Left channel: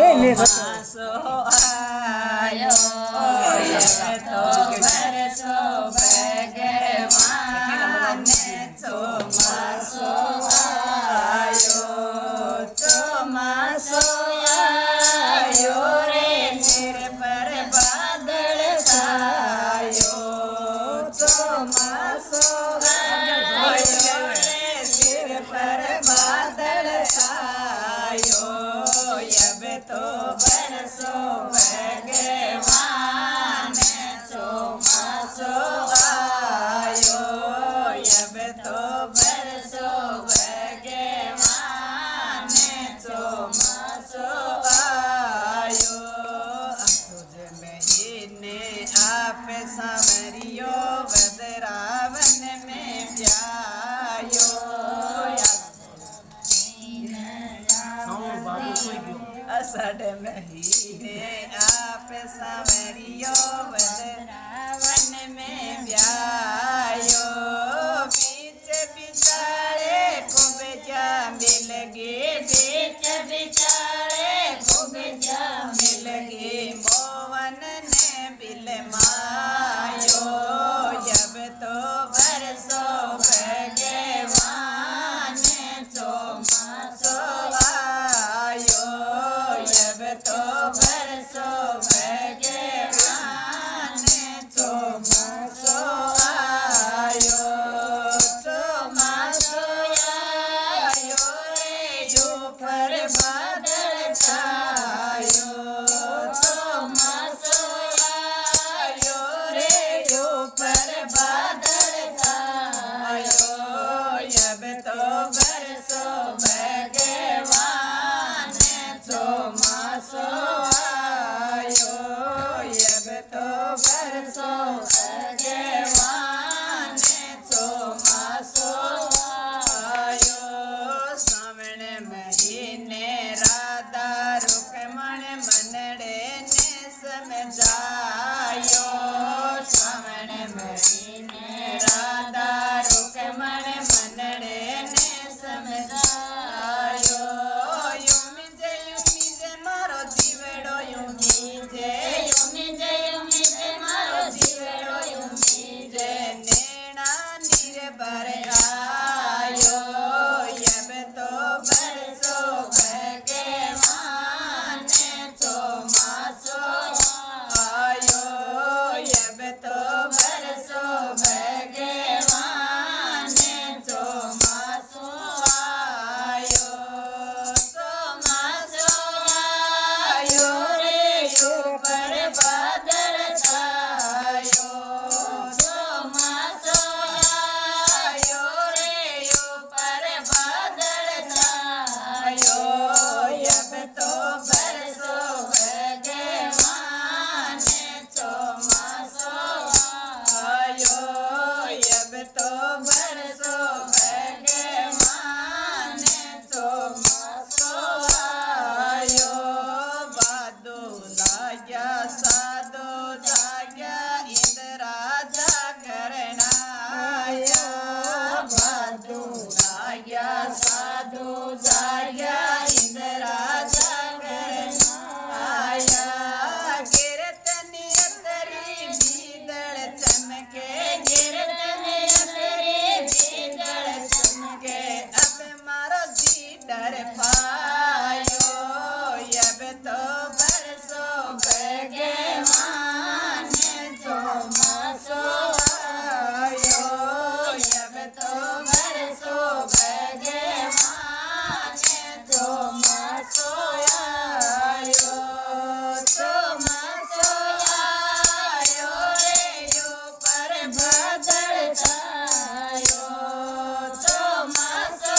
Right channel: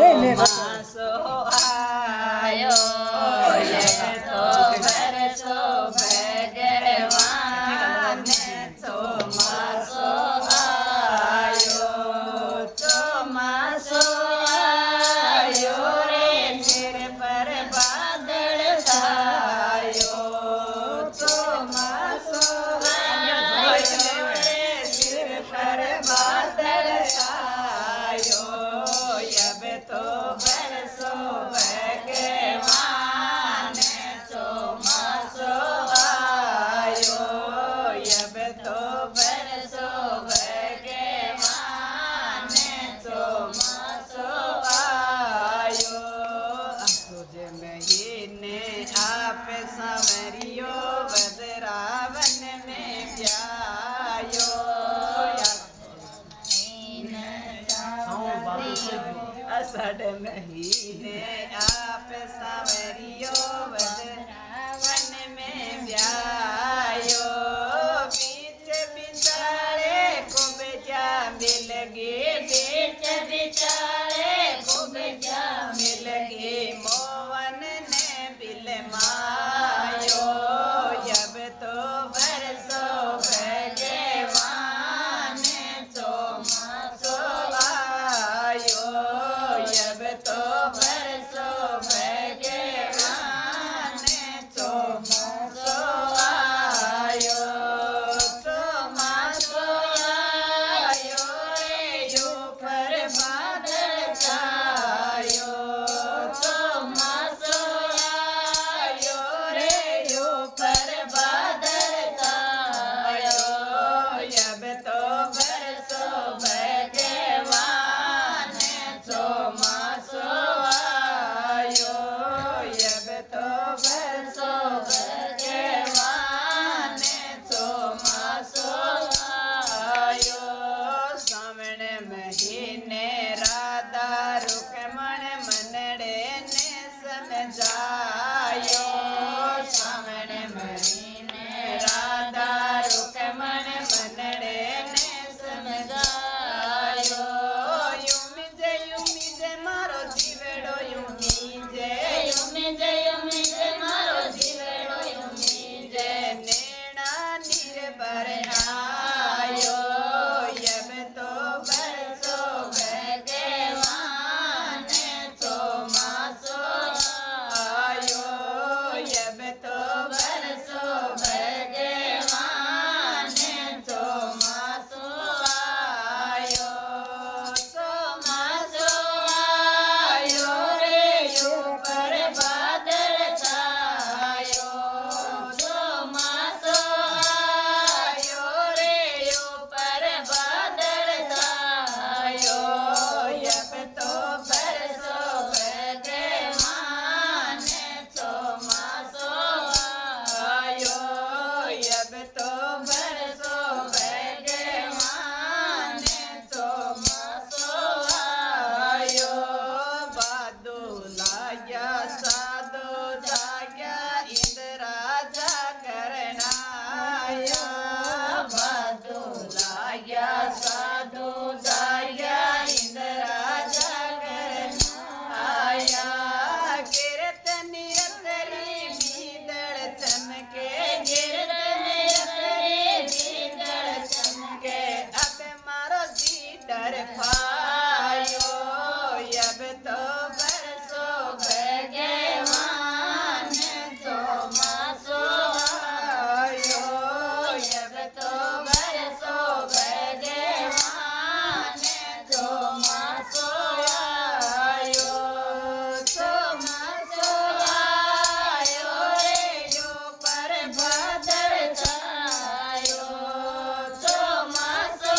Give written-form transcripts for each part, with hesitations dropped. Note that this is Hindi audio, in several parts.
ચોમાસો આયો તો વરસો ભગવાન ચોમાસો આયો રે સિર પર વાદળ છાયો ચોમાસો આયો રે સિર પર વાદળ છાયો अब तो बरसो भगवान ચોમાસો आयो अब तो बरसो भगवान ચોમાસો आयो तुझ महीने आप सांवरियो वज्रावन में जायो असड़ महीने आप सांवरियो वज्रावन में व्यायो बीच बिचारे खूब जामे लगे बीच बिचारे खूब जामे लगे मोहन ने बिलमायो जब तो बरसो भगवान ચોમાસો आयो जब तो बरसो भगवान ચોમાસો आयो ચોમાસો आयो रे ऊपर बादल छायो ચોમાસો आयो रे ऊपर बादल छायो जब तो बरसो भगवान ચોમાસો आयो जब तो बरसो भगवान ચોમાસો आयो श्रावण महीने राधा रुक्मण मनड़े ने समझायो श्रावण महीने राधा रुक्मण मनड़े ने समझायो युमिजे मारो जीवड़ो युमिजे मारो जीवड़ो युमिजे नेणा नीर पर आयो अब तो बरसो भगवान ચોમાસો आयो अब तो बरसो भगवान ચોમાસો आयो ચોમાસો आयो रे ऊपर बादल छायो ચોમાસો आयो रे ऊपर बादल छायो अब तो बरसो भगवान ચોમાસો आयो अब तो बरसो भगवान ચોમાસો आयो बादो लाया साधो जाया इंद्रा जागरणाया बादो लाया साधो जाया इंद्रा जागरणाया कीर्तनी अतरी बीदड़ चमके कीर्तनी अतरी बीदड़ चमके अब मारो जी डर पायो अब तो बरसो भगवान ચોમાસો आयो अब तो बरसो भगवान ચોમાસો आयो ચોમાસો आयो रे ऊपर बादल छायो ચોમાસો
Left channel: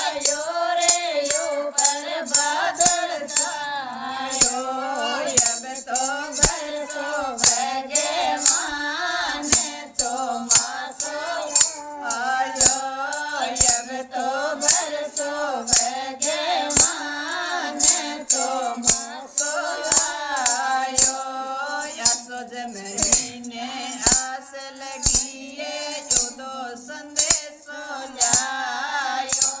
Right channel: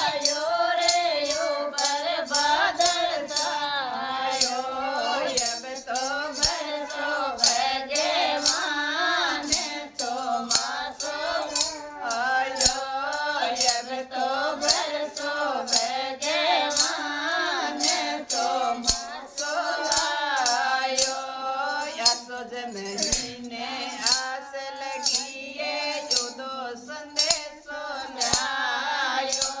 आयो रे ऊपर बादल छायो अब तो बरसो भगवान ચોમાસો आयो अब तो बरसो भगवान ચોમાસો आयो यासोज महीने आस लगिए युदो संदेशो जायो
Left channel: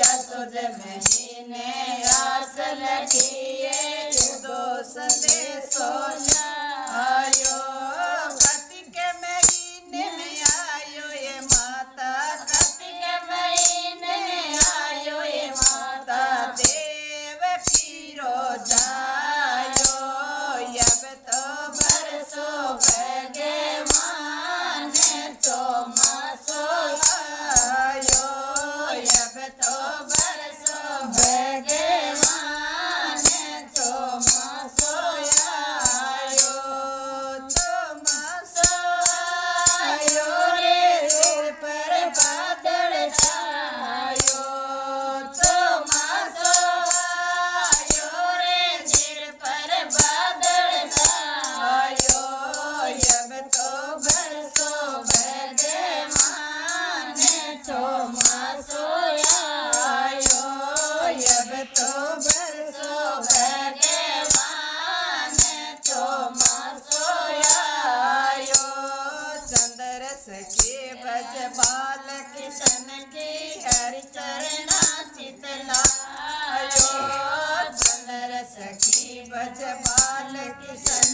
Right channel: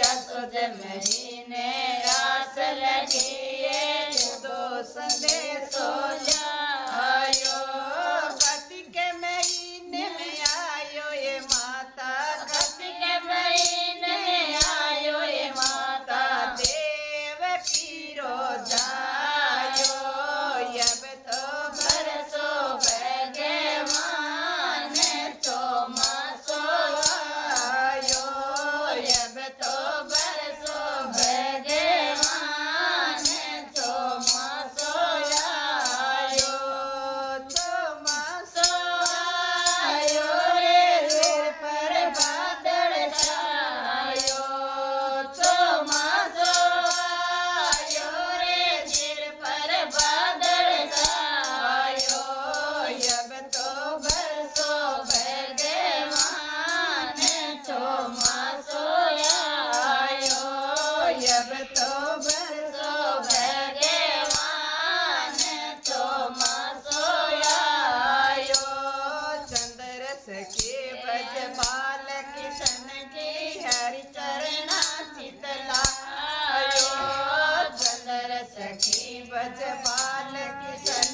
यासोज महीने आस लगी लखीए युदो संदेशो आयो। कार्तिक महीने में आयो ये माता, कार्तिक महीने में आयो ये माता, देव पीरो जायो। अब तो बरसो भगवान चौमासो आयो। अब तो बरसो भगवान चौमासो आयो। चौमासो आयो रे सिर पर बादल छायो। चौमासो आयो रे सिर पर बादल छायो। अब तो बरसो भगवान चौमासो आयो। अब तो बरसो भगवान चौमासो आयो। चंद्र सखे भज बाल किशन जी हरि चरणा चितलायो। चंद्र सखी भज बाल किशन